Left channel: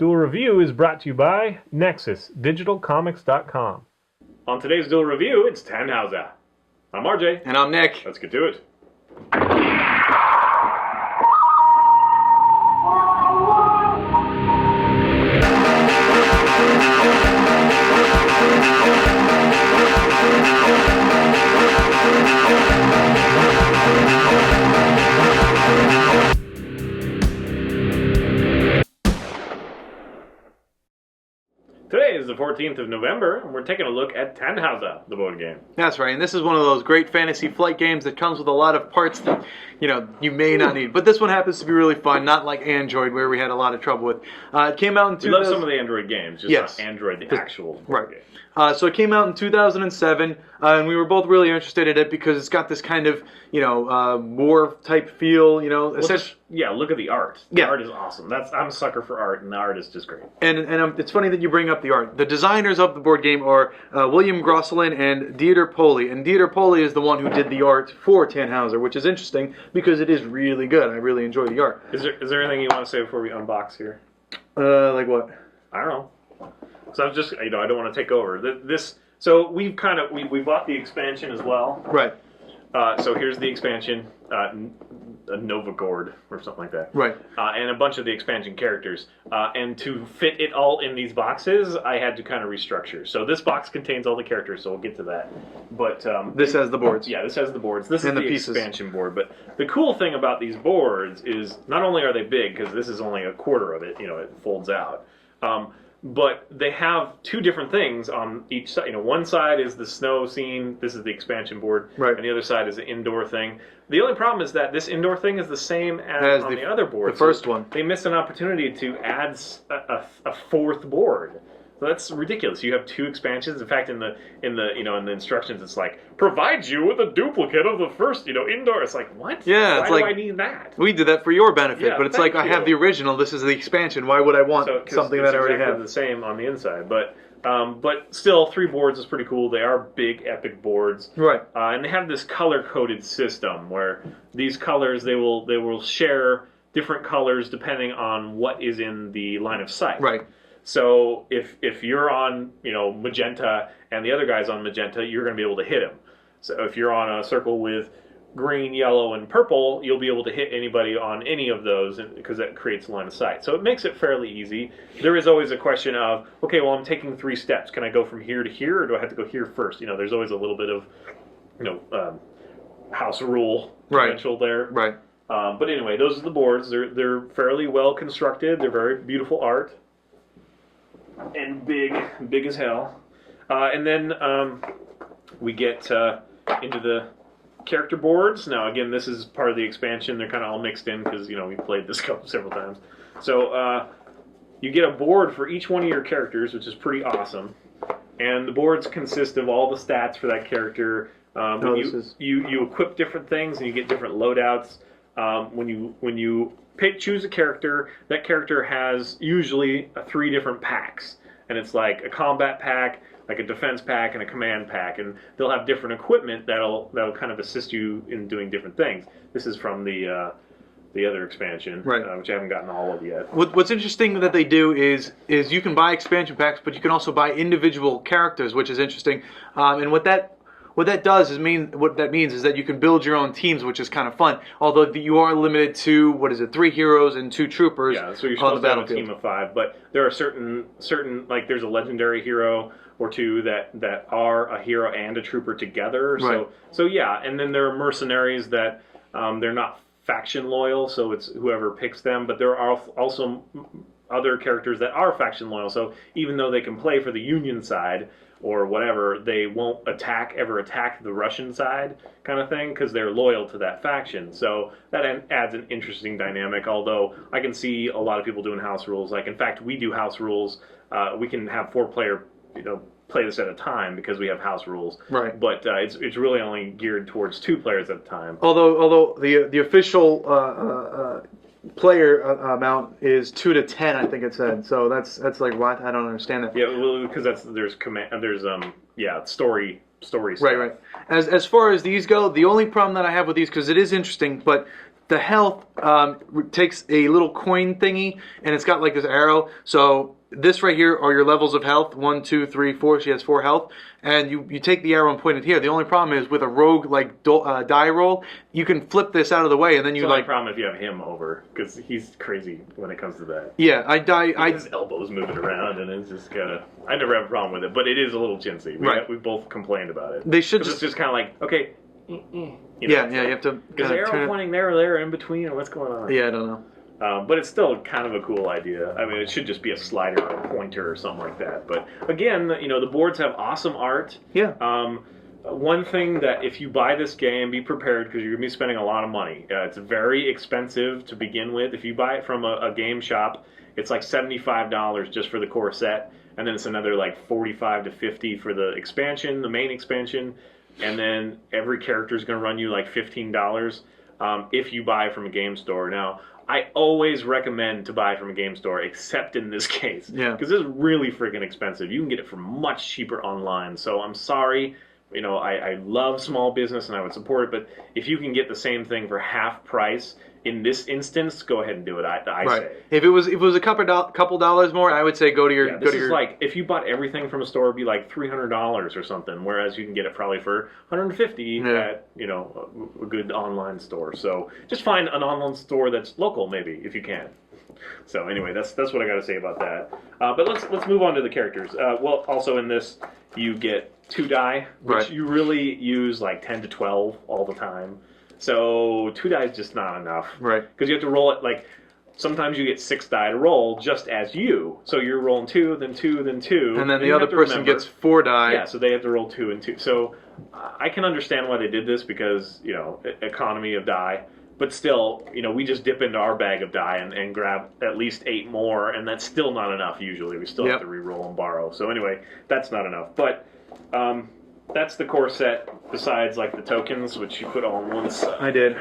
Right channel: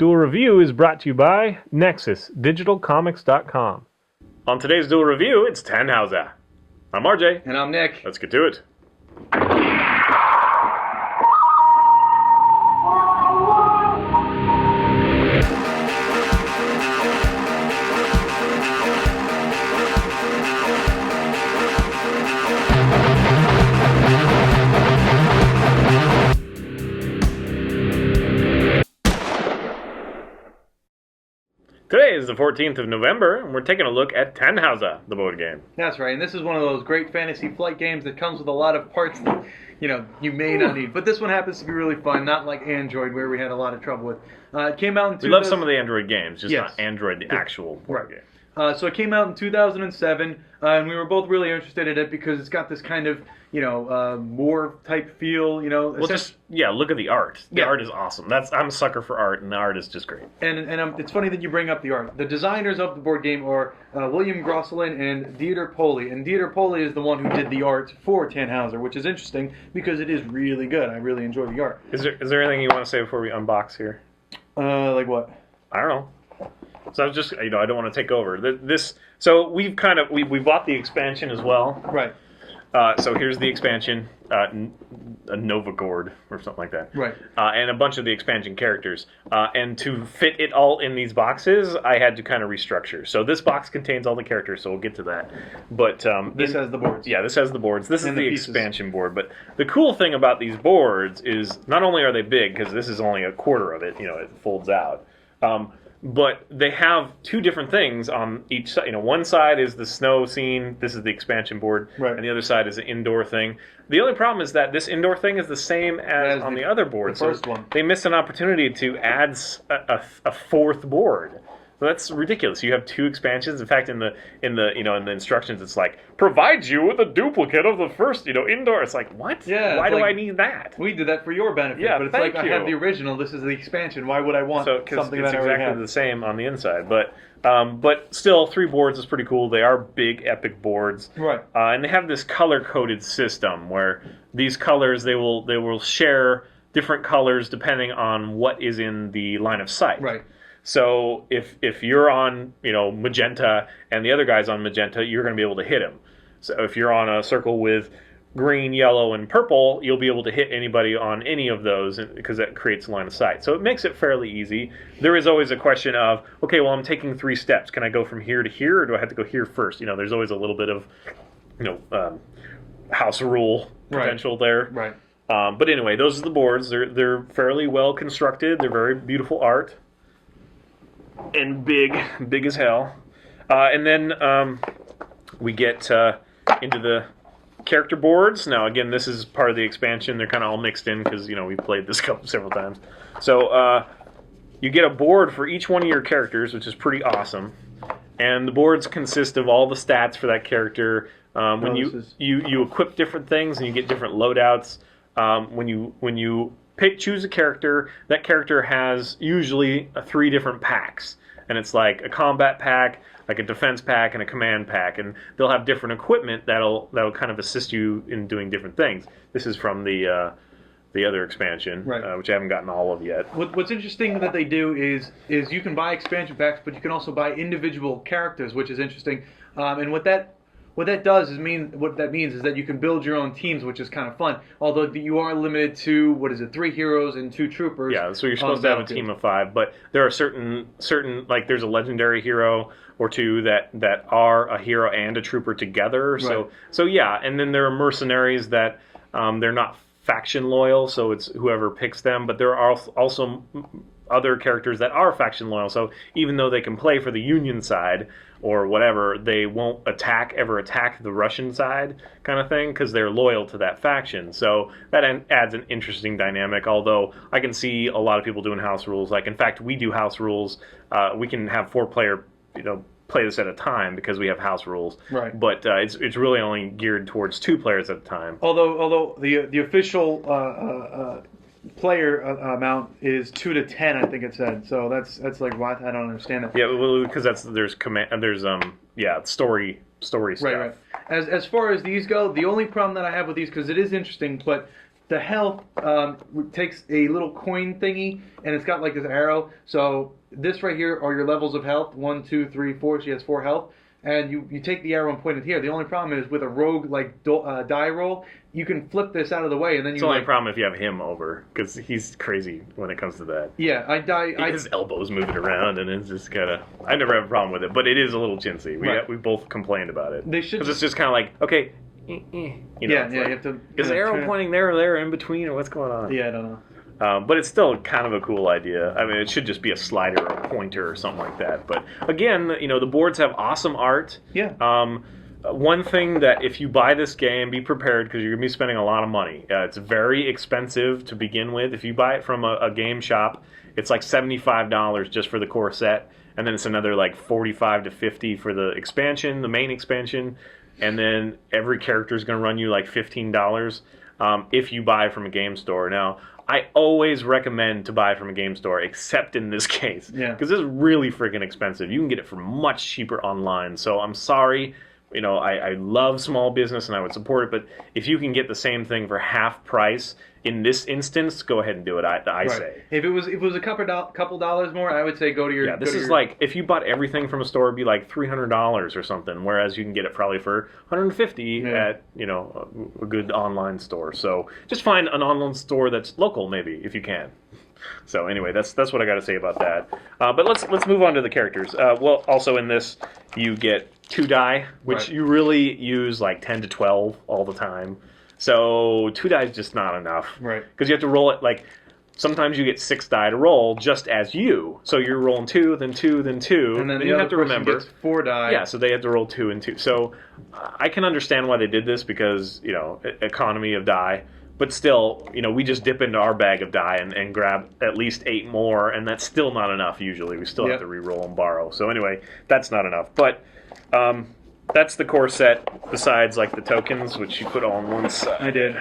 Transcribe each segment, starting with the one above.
Duel Review is brought to you by NexusDigitalComics.com. On today's Duel Review, it's Tannhauser. I'm RJ. And I'm Nick. Let's get to it. Today is the 14th of November, and we're taking a look at Tannhauser, the board game. That's right, and this is one of those great fantasy flight games that comes with a lot of parts that, you may not need. But this one happens to be really fun, not like Android, where we had a lot of trouble with. It came out in... We love some of the Android games, just yes. not Android, the actual board game. So it came out in 2007, and we were both really interested in it because it's got this kind of, war type feel, Well, look at the art. The art is awesome. I'm a sucker for art, and the art is just great. And it's funny that you bring up the art. The designers of the board game are William Grosselin and Dieter Poley. And Dieter Poley is the one who did the art for Tannhauser, which is interesting because it is really good. I really enjoy the art. Is there anything you want to say before we unbox here? Like what? I don't know. So I was just, I don't want to take over. So we bought the expansion as well. Right. So here's the expansion, a Novagord or something like that. Right. And a bunch of the expansion characters. And to fit it all in these boxes, I had to kind of restructure. So this box contains all the characters, so we'll get to that. But this has the boards. Yeah, this has the boards. This is the pieces. expansion board. But the cool thing about these boards is not only are they big, because this is only a quarter of it, it folds out. But they have two different things on each side. One side is the snow scene. This is the expansion board. Right. And the other side is the indoor thing. The only problem is that this indoor thing is the same as on the other board. The first one. They missed an opportunity to add a fourth board. So that's ridiculous. You have two expansions. In fact, in the instructions, it's like provides you with a duplicate of the first indoor. It's like, what? Yeah. Why do I need that? We did that for your benefit, Yeah, but it's thank like you. I have the original. This is the expansion. Why would I want something that I already have? It's exactly the same on the inside, but still, 3 boards is pretty cool. They are big, epic boards, right? And they have this color-coded system where these colors they will share different colors depending on what is in the line of sight, right? So if you're on magenta and the other guy's on magenta, you're going to be able to hit him. So if you're on a circle with green, yellow, and purple, you'll be able to hit anybody on any of those because that creates a line of sight. So it makes it fairly easy. There is always a question of, okay, well, I'm taking 3 steps. Can I go from here to here, or do I have to go here first? There's always a little bit of house rule potential there. Right. But anyway, those are the boards. They're fairly well constructed. They're very beautiful art. And big as hell. And then we get into the character boards. Now, again, this is part of the expansion. They're kind of all mixed in because, we've played this several times. So you get a board for each one of your characters, which is pretty awesome. And the boards consist of all the stats for that character. When you equip different things and you get different loadouts. When you choose a character, that character has usually 3 different packs. And it's like a combat pack, like a defense pack, and a command pack. And they'll have different equipment that'll kind of assist you in doing different things. This is from the other expansion, right. Which I haven't gotten all of yet. What's interesting that they do is you can buy expansion packs, but you can also buy individual characters, which is interesting. And what that means is that you can build your own teams, which is kind of fun. Although you are limited to 3 heroes and 2 troopers. Yeah, so you're supposed to have a team of 5, but there are certain like there's a legendary hero or 2 that are a hero and a trooper together. Right. So yeah, and then there are mercenaries that they're not faction loyal, so it's whoever picks them. But there are also other characters that are faction loyal. So even though they can play for the Union side or whatever, they won't ever attack the Russian side kind of thing because they're loyal to that faction. So that adds an interesting dynamic, although I can see a lot of people doing house rules. Like, in fact, we do house rules. We can have 4-player, play this at a time because we have house rules. Right. But it's really only geared towards 2 players at a time. Although the official player amount is 2 to 10, I think it said. So that's like what? I don't understand that. Yeah, well, because there's story stuff. Right. As far as these go, the only problem that I have with these, because it is interesting, but the health takes a little coin thingy, and it's got like this arrow. So this right here are your levels of health. 1, 2, 3, 4. She has 4 health. And you take the arrow and point it here. The only problem is with a rogue like die roll, you can flip this out of the way, and then It's you the only like. problem if you have him over, because he's crazy when it comes to that. Yeah, I die. His elbows moving around, and it's just kind of. I never have a problem with it, but it is a little chintzy. We both complained about it. They should. Because it's just kind of like, okay, you know, Yeah, you have to. Is the arrow pointing there or there in between, or what's going on? Yeah, I don't know. But it's still kind of a cool idea. I mean, it should just be a slider or a pointer or something like that. But again, you know, the boards have awesome art. Yeah. One thing that if you buy this game, be prepared because you're going to be spending a lot of money. It's very expensive to begin with. If you buy it from a game shop, it's like $75 just for the core set. And then it's another like $45 to $50 for the expansion, the main expansion. And then every character is going to run you like $15 if you buy from a game store. Now, I always recommend to buy from a game store, except in this case. Yeah. Because this is really freaking expensive. You can get it for much cheaper online. So I'm sorry. You know, I love small business and I would support it. But if you can get the same thing for half price, in this instance, go ahead and do it. I say. If it was a couple dollars more, I would say go to your. Yeah, this is like if you bought everything from a store, it'd be like $300 or something. Whereas you can get it probably for $150 at a good online store. So just find an online store that's local, maybe if you can. So anyway, that's what I got to say about that. But let's move on to the characters. Well, also in this, you get 2 die, which you really use like 10 to 12 all the time. So 2 die is just not enough. Right. Because you have to roll it like, sometimes you get 6 die to roll just as you. So you're rolling 2, then 2, then 2. And then the other person gets 4 die. Yeah, so they have to roll 2 and 2. So I can understand why they did this because, you know, economy of die. But still, you know, we just dip into our bag of die and grab at least 8 more, and that's still not enough usually. We still have to re-roll and borrow. So anyway, that's not enough. But that's the core set, besides like the tokens, which you put all on one side. I did.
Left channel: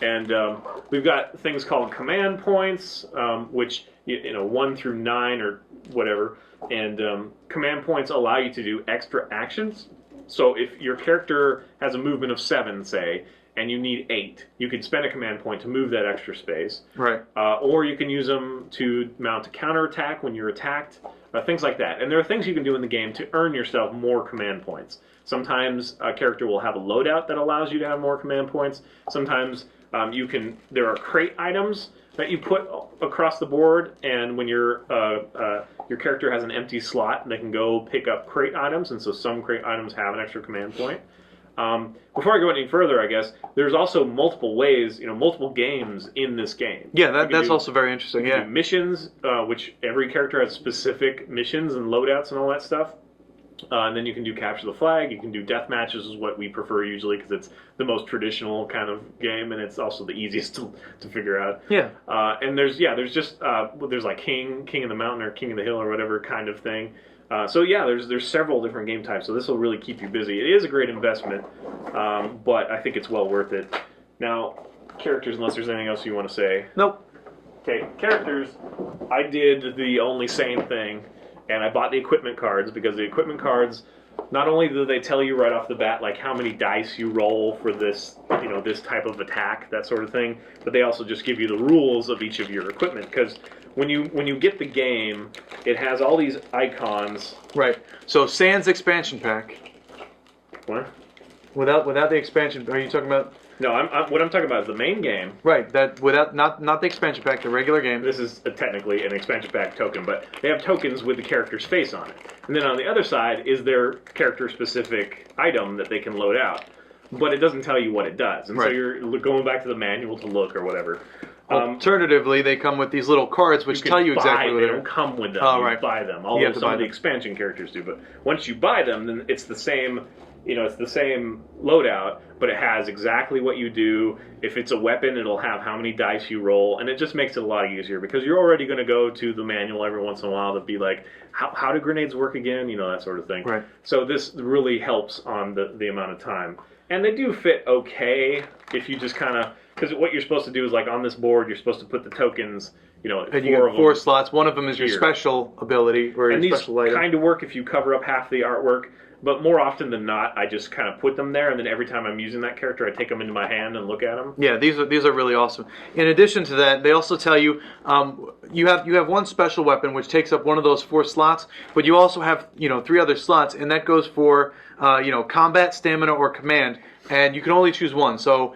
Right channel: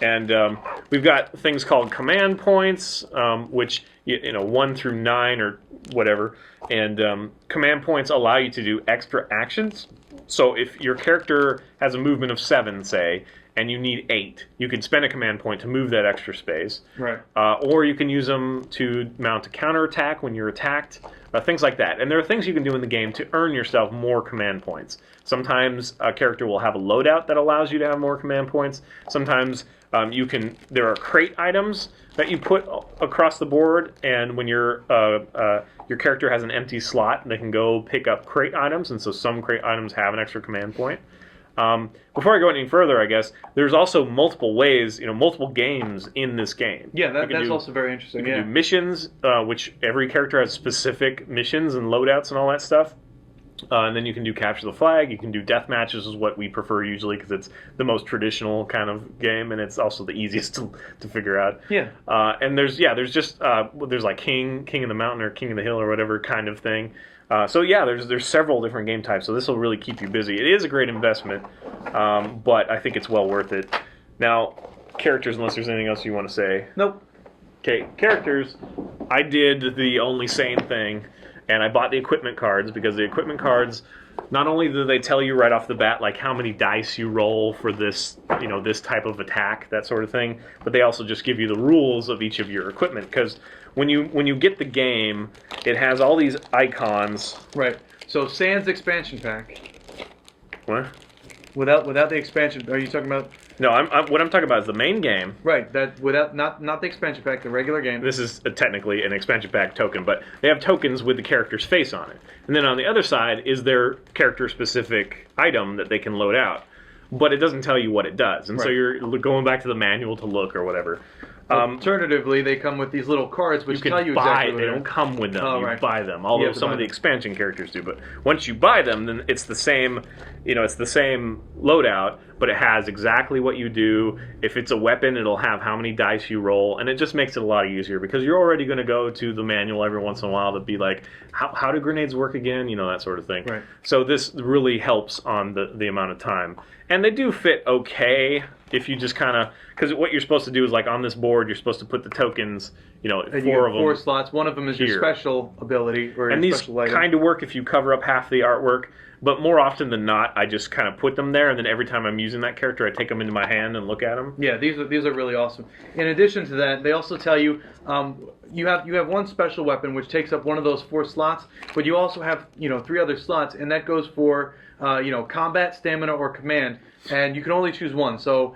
And we've got things called command points, which, you know, 1 through 9 or whatever. And command points allow you to do extra actions. So if your character has a movement of 7, say, and you need 8, you could spend a command point to move that extra space. Right. Or you can use them to mount a counterattack when you're attacked, things like that. And there are things you can do in the game to earn yourself more command points. Sometimes a character will have a loadout that allows you to have more command points. Sometimes there are crate items that you put across the board, and when your character has an empty slot, they can go pick up crate items, and so some crate items have an extra command point. Before I go any further, I guess, there's also multiple ways, you know, multiple games in this game. Yeah, that's also very interesting. You can do missions, which every character has specific missions and loadouts and all that stuff. And then you can do capture the flag. You can do death matches, is what we prefer usually because it's the most traditional kind of game, and it's also the easiest to figure out. Yeah. And there's like King of the Mountain or King of the Hill or whatever kind of thing. So yeah, there's several different game types, so this will really keep you busy. It is a great investment, but I think it's well worth it. Now, characters, unless there's anything else you want to say. Nope. Okay, characters. I did the only sane thing, and I bought the equipment cards because the equipment cards, not only do they tell you right off the bat like how many dice you roll for this, you know, this type of attack, that sort of thing, but they also just give you the rules of each of your equipment because when you get the game, it has all these icons. Right. So Sans expansion pack. What? Without the expansion, are you talking about? No, what I'm talking about is the main game. Right. That without not the expansion pack, the regular game. This is technically an expansion pack token, but they have tokens with the character's face on it. And then on the other side is their character-specific item that they can load out. But it doesn't tell you what it does. And so you're going back to the manual to look or whatever. Alternatively, they come with these little cards which tell you exactly what they don't come with them. You buy them. Although some of the expansion characters do. But once you buy them, then it's the same, you know, it's the same loadout, but it has exactly what you do. If it's a weapon, it'll have how many dice you roll, and it just makes it a lot easier because you're already going to go to the manual every once in a while to be like, how do grenades work again? You know, that sort of thing. Right. So this really helps on the amount of time. And they do fit okay if you just kind of, because what you're supposed to do is like on this board, you're supposed to put the tokens, you know, And four of them. 4 slots. One of them is here. your special ability or And your these special item. kind of work if you cover up half the artwork, but more often than not, I just kind of put them there, and then every time I'm using that character, I take them into my hand and look at them. Yeah, these are really awesome. In addition to that, they also tell you you have one special weapon which takes up one of those 4 slots, but you also have 3 other slots, and that goes for combat, stamina, or command, and you can only choose one. So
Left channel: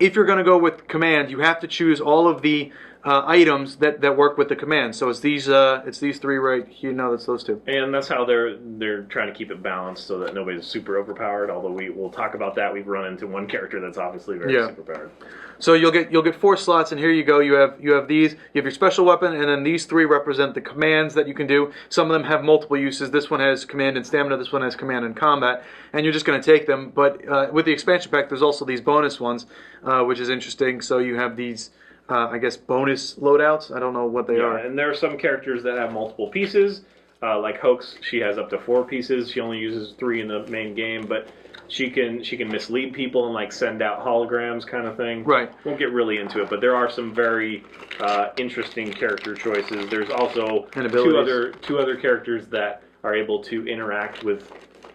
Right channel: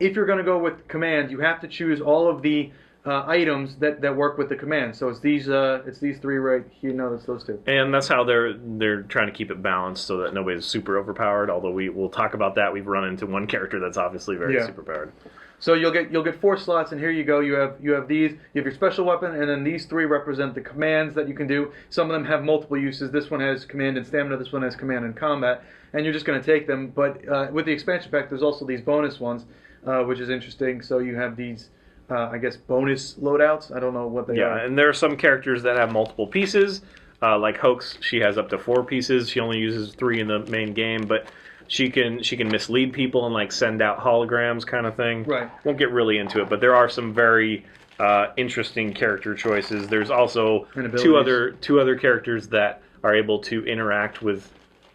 if you're going to go with command, you have to choose all of the items that work with the command. So it's these 3 right here. No, that's those 2. And that's how they're trying to keep it balanced so that nobody's super overpowered. Although we'll talk about that. We've run into one character that's obviously very superpowered. So you'll get 4 slots, and here you go. You have these. You have your special weapon, and then these 3 represent the commands that you can do. Some of them have multiple uses. This one has command and stamina. This one has command and combat. And you're just going to take them. But with the expansion pack, there's also these bonus ones, which is interesting. So you have these, I guess, bonus loadouts. I don't know what they are. Yeah, and there are some characters that have multiple pieces. Like Hoax, she has up to 4 pieces. She only uses 3 in the main game, but she can mislead people and like send out holograms kind of thing. Right. Won't get really into it, but there are some very interesting character choices. There's also two other characters that are able to interact with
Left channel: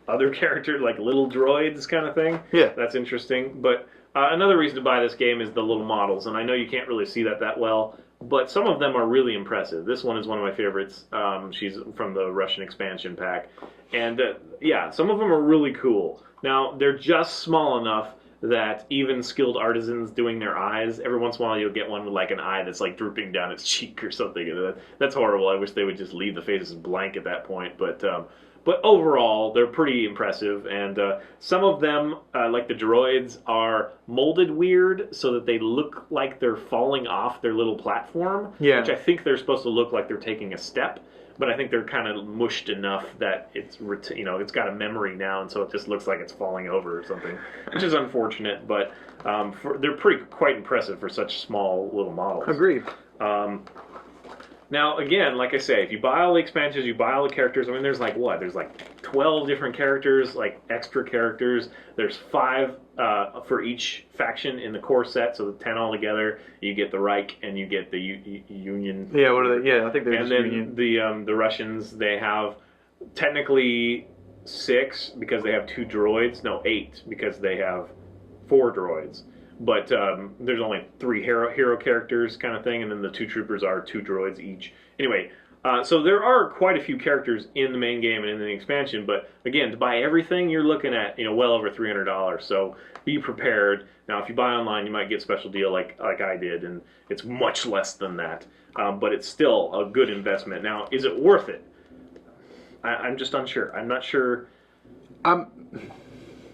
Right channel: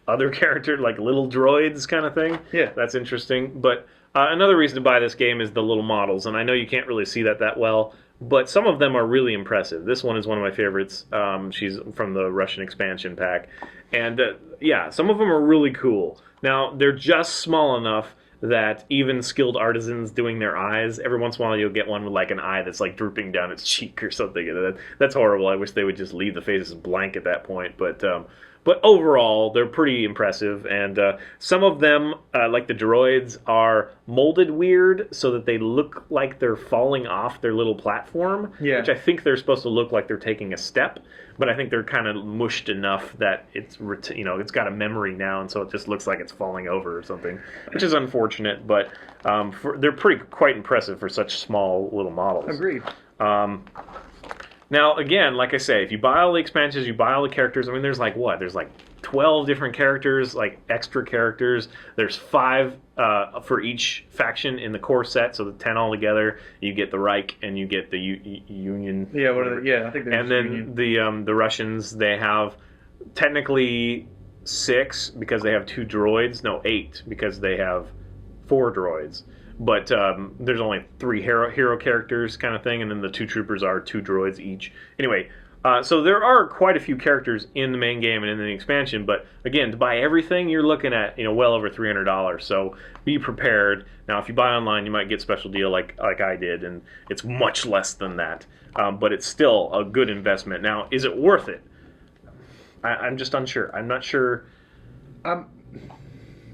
other characters, like little droids kind of thing. Yeah. That's interesting. But another reason to buy this game is the little models, and I know you can't really see that well, but some of them are really impressive. This one is one of my favorites. She's from the Russian expansion pack. And yeah, some of them are really cool. Now, they're just small enough that even skilled artisans doing their eyes, every once in a while you'll get one with like an eye that's like drooping down its cheek or something. That's horrible. I wish they would just leave the faces blank at that point. But overall, they're pretty impressive. And some of them, like the droids, are molded weird so that they look like they're falling off their little platform, which I think they're supposed to look like they're taking a step. But I think they're kind of mushed enough that it's got a memory now, and so it just looks like it's falling over or something, which is unfortunate. But they're quite impressive for such small little models. Agreed. Now, again, like I say, if you buy all the expansions, you buy all the characters. I mean, there's like 12 different characters, like extra characters. There's 5 for each faction in the core set, so the 10 altogether. You get the Reich and you get the Union. Yeah, what are they? Yeah, I think they're And then Union. the Russians, they have technically 6 because they have 2 droids. No, 8 because they have 4 droids. But there's only 3 hero characters kind of thing, and then the 2 troopers are 2 droids each. Anyway, so there are quite a few characters in the main game and in the expansion, but again, to buy everything, you're looking at well over $300. So be prepared. Now, if you buy online, you might get special deal like I did, and it's much less than that. But it's still a good investment. Now, is it worth it? I'm just unsure. I'm not sure.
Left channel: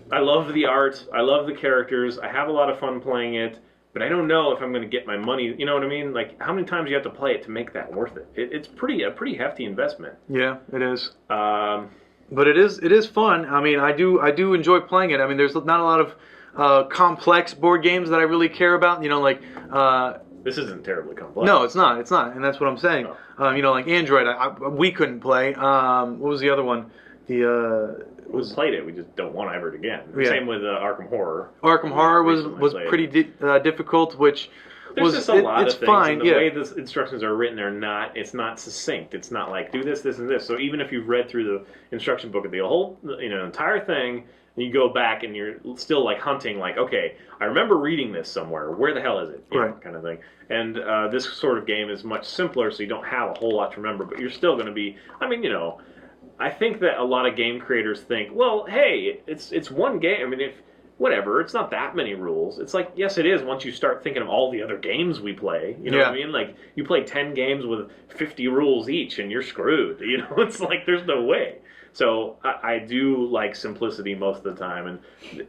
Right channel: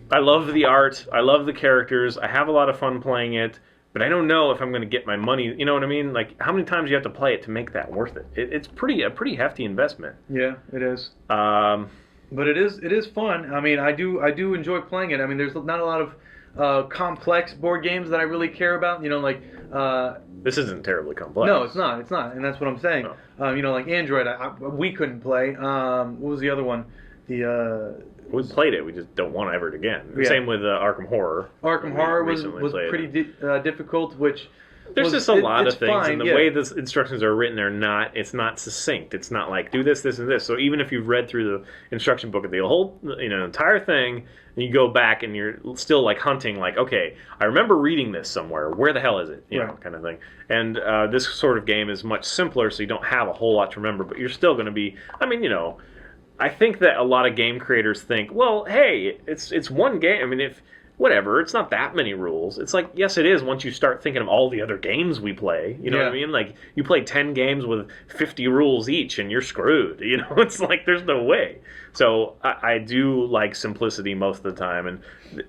I love the art. I love the characters. I have a lot of fun playing it, but I don't know if I'm going to get my money. You know what I mean? Like, how many times do you have to play it to make that worth it? It's a pretty hefty investment. Yeah, it is. But it is fun. I mean, I do enjoy playing it. I mean, there's not a lot of complex board games that I really care about. This isn't terribly complex. No, it's not, and that's what I'm saying. No. Like Android, we couldn't play. What was the other one? We played it. We just don't want to ever again. Yeah. Same with Arkham Horror. Arkham Horror was pretty difficult, which there's just a lot of things, fine, and the way the instructions are written it's not succinct. It's not like do this, this, and this. So even if you've read through the instruction book of the whole entire thing, and you go back and you're still like hunting, like, okay, I remember reading this somewhere. Where the hell is it? You know, kind of thing. And this sort of game is much simpler, so you don't have a whole lot to remember, but you're still going to be. I mean, I think that a lot of game creators think, well, hey, it's one game. I mean, whatever, it's not that many rules. It's like, yes, it is once you start thinking of all the other games we play. You know what I mean? Like, you play 10 games with 50 rules each, and you're screwed. It's like, there's no way. So I do like simplicity most of the time, and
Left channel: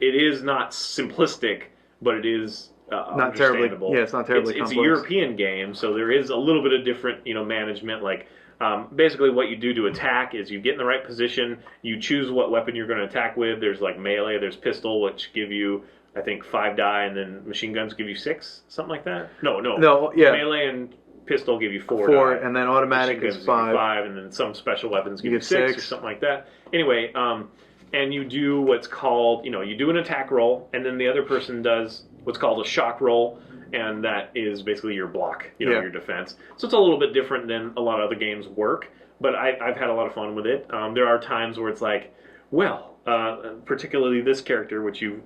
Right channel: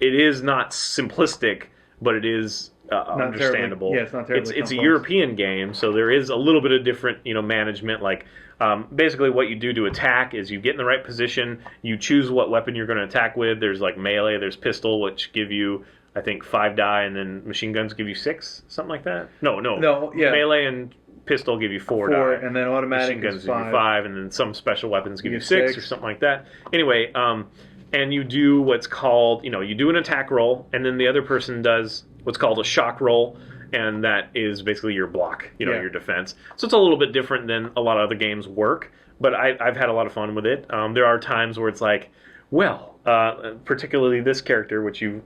it is not simplistic, but it is understandable. It's not terribly It's a European game, so there is a little bit of different, management, like. Basically, what you do to attack is you get in the right position, you choose what weapon you're going to attack with. There's like melee, there's pistol, which give you, I think, 5 die, and then machine guns give you 6, something like that. No, melee and pistol give you 4 die. And then automatic machine guns is give you 5. 5, and then some special weapons give you 6 or something like that. Anyway, and you do what's called, you do an attack roll, and then the other person does what's called a shock roll, and that is basically your block, your defense. So it's a little bit different than a lot of other games work, but I've had a lot of fun with it. There are times where it's like, well, particularly this character, which you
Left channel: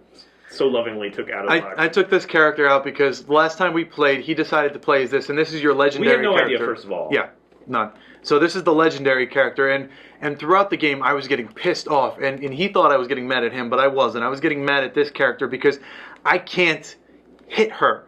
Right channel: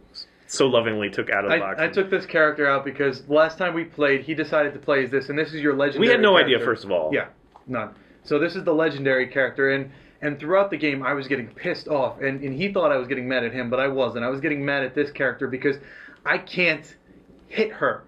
so lovingly took out of the box. I took this character out because the last time we played, he decided to play as this, and this is your legendary character. We had no idea, first of all. Yeah, none. So this is the legendary character, and throughout the game, I was getting pissed off, and he thought I was getting mad at him, but I wasn't. I was getting mad at this character because I can't hit her.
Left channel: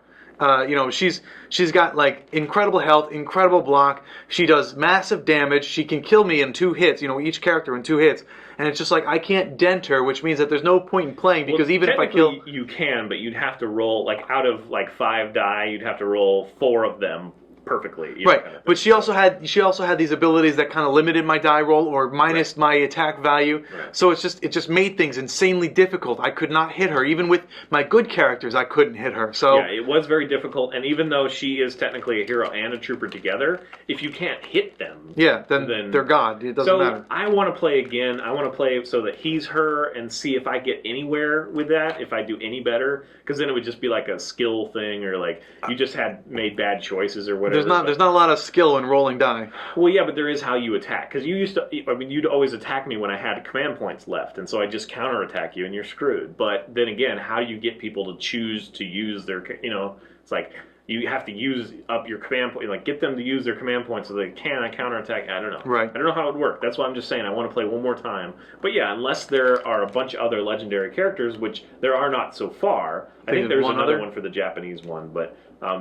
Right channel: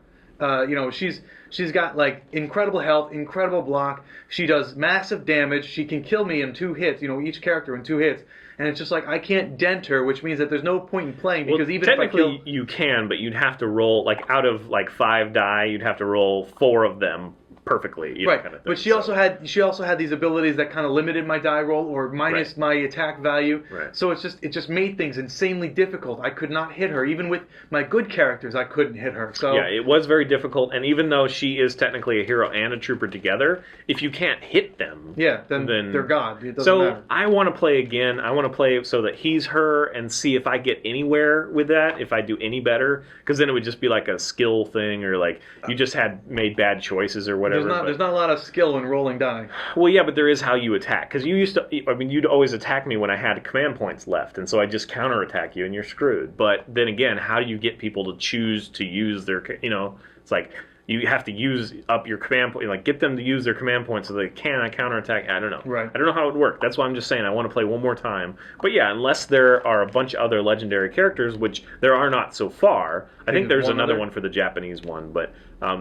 She's got like incredible health, incredible block. She does massive damage. She can kill me in 2 hits. Each character in 2 hits, and it's just like I can't dent her, which means that there's no point in playing because even if I kill, you can, but you'd have to roll like out of like 5 die, you'd have to roll 4 of them perfectly. Right, but she also had these abilities that kind of limited my die roll or minus my attack value. Right. So it just made things insanely difficult. I could not hit her, even with my good characters. I couldn't hit her. So yeah, it was very difficult. And even though she is technically a hero and a trooper together, if you can't hit them, then they're God. It doesn't matter. I want to play again. I want to play so that he's her and see if I get anywhere with that. If I do any better, because then it would just be like a skill thing, or like you just made bad choices or whatever. There's not a lot of skill in rolling die. Well, yeah, but there is how you attack. Because you'd always attack me when I had command points left, and so I just counterattack you, and you're screwed. But then again, how do you get people to choose to use their, it's like you have to use up your command point, like get them to use their command points so they can counterattack. I don't know. Right. I don't know how it would work. That's why I'm just saying I want to play one more time. But yeah, unless there are a bunch of other legendary characters, which there are not so far. I think there's another one for the Japanese one, but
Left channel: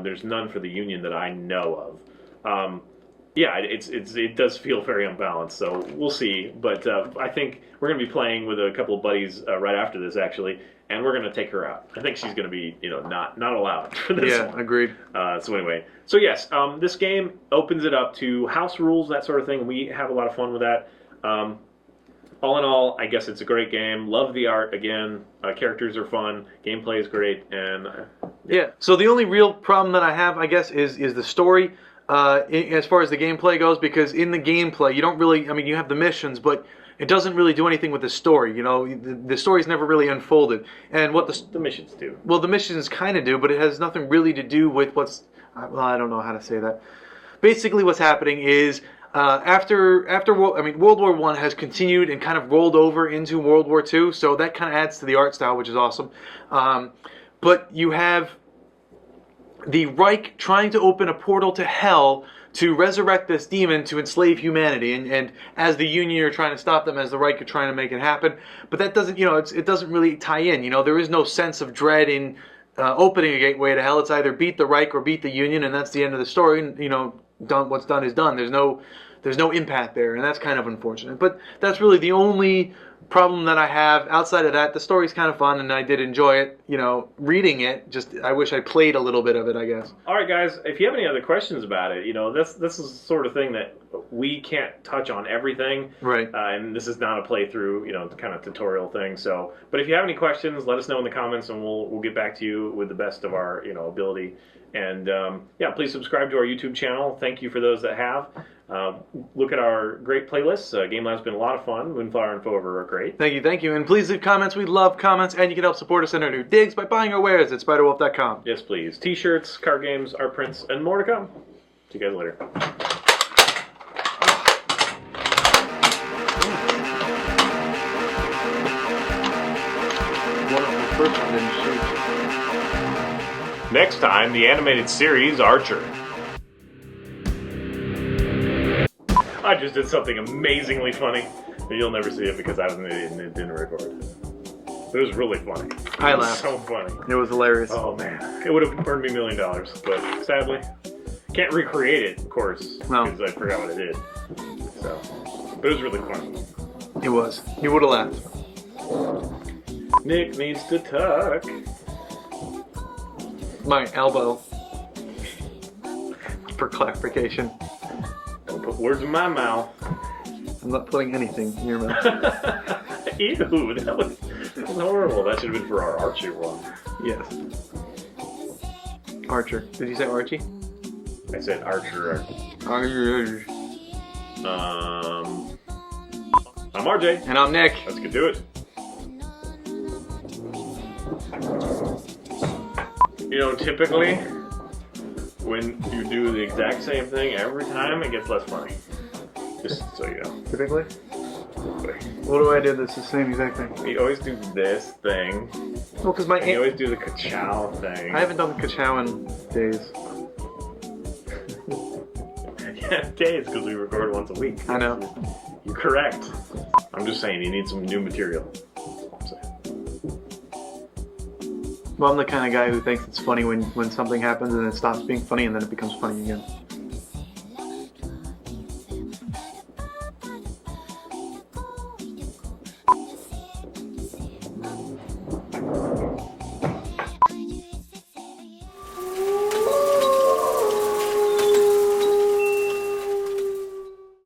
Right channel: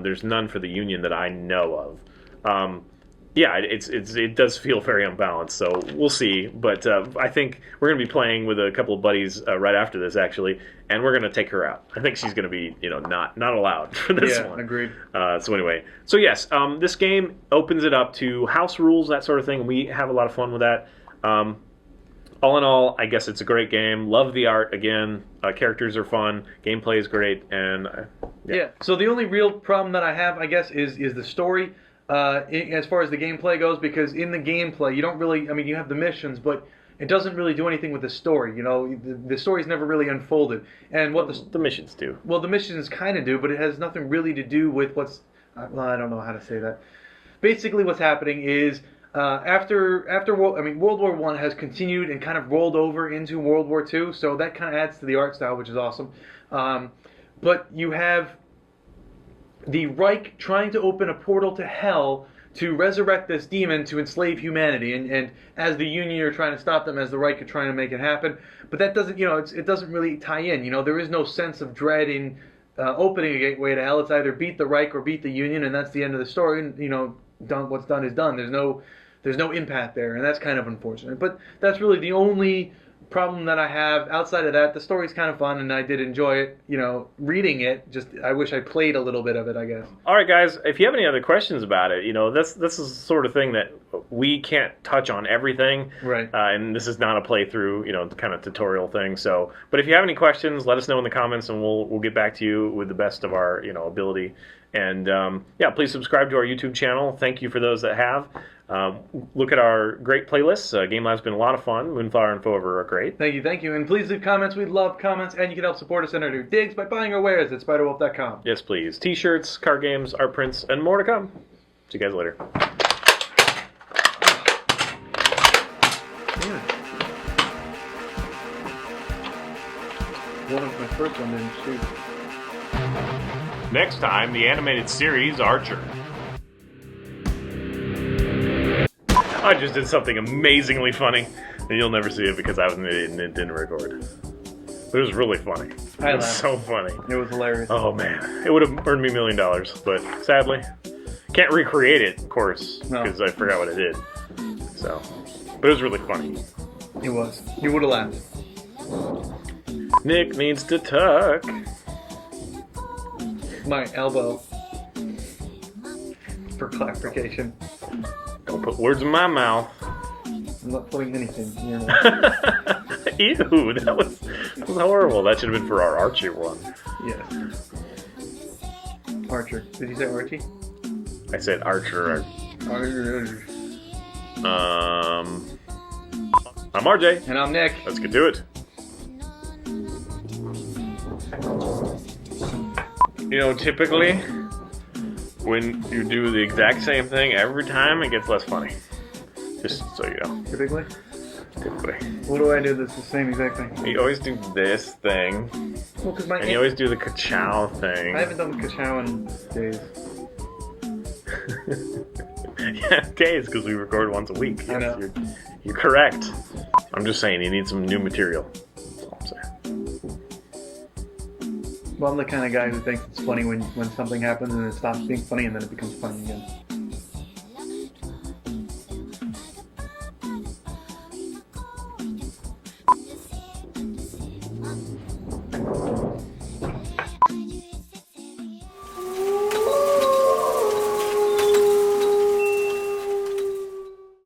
there's none for the Union that I know of. Yeah, it does feel very unbalanced, so we'll see. But I think we're going to be playing with a couple of buddies right after this, actually, and we're going to take her out. I think she's going to be, not allowed for this one. Yeah, agreed. So anyway, so yes, this game opens it up to house rules, that sort of thing. We have a lot of fun with that. All in all, I guess it's a great game. Love the art again. Characters are fun. Gameplay is great, and yeah. So the only real problem that I have, I guess, is the story. As far as the gameplay goes, because in the gameplay you don't really, you have the missions, but it doesn't really do anything with the story. The story's never really unfolded. And what the missions do. Well, the missions kind of do, but it has nothing really to do with what's. I don't know how to say that. Basically, what's happening is after World War I has continued and kind of rolled over into World War II, so that kind of adds to the art style, which is awesome. But you have the Reich trying to open a portal to hell to resurrect this demon to enslave humanity, and as the Union are trying to stop them, as the Reich are trying to make it happen. But that doesn't, it doesn't really tie in. There is no sense of dread in opening a gateway to hell. It's either beat the Reich or beat the Union, and that's the end of the story. And, what's done is done. There's no impact there, and that's kind of unfortunate. But that's really the only problem that I have. Outside of that, the story's kind of fun, and I did enjoy it. Reading it, just I wish I played a little bit of it, I guess. All right, guys, if you have any other questions about it, this is the sort of thing that we can't touch on everything. Right. And this is not a playthrough, kind of tutorial thing. So, but if you have any questions, let us know in the comments, and we'll get back to you with the best of our, ability. And please subscribe to our YouTube channel. Thank you for those that have. Look at our great playlists. Game Live's been a lot of fun. Moonflower and Fover are great. Thank you. And please leave comments. We love comments. And you can help support us in our new digs by buying our wares at spiderwolf.com. Yes, please. T-shirts, card games, art prints, and more to come. See you guys later. Next time, the animated series Archer. I just did something amazingly funny, and you'll never see it because I was an idiot and it didn't record. It was really funny. I laughed. So funny. It was hilarious. Oh man, it would have earned me $1 million, but sadly, can't recreate it, of course, because I forgot what I did. So, but it was really funny. It was. You would have laughed. Nick needs to tuck my elbow. For clarification. Don't put words in my mouth. I'm not putting anything in your mouth. Ew, that was horrible. That should have been for our Archie one. Yes. Archer. Did you say Archie? I said Archer. Archer. I'm RJ. And I'm Nick. Let's get to it. You know, typically, when you do the exact same thing every time, it gets less funny. Just so you know. Typically? Typically. What do I do that's the same exact thing? You always do this thing, Oh, because my and you always do the ka-chow thing. I haven't done the ka-chow in days. Yeah, okay, it's because we record once a week. I know. You're correct. I'm just saying, you need some new material. That's all I'm saying. Well, I'm the kind of guy who thinks it's funny when something happens and it stops being funny and then it becomes funny again.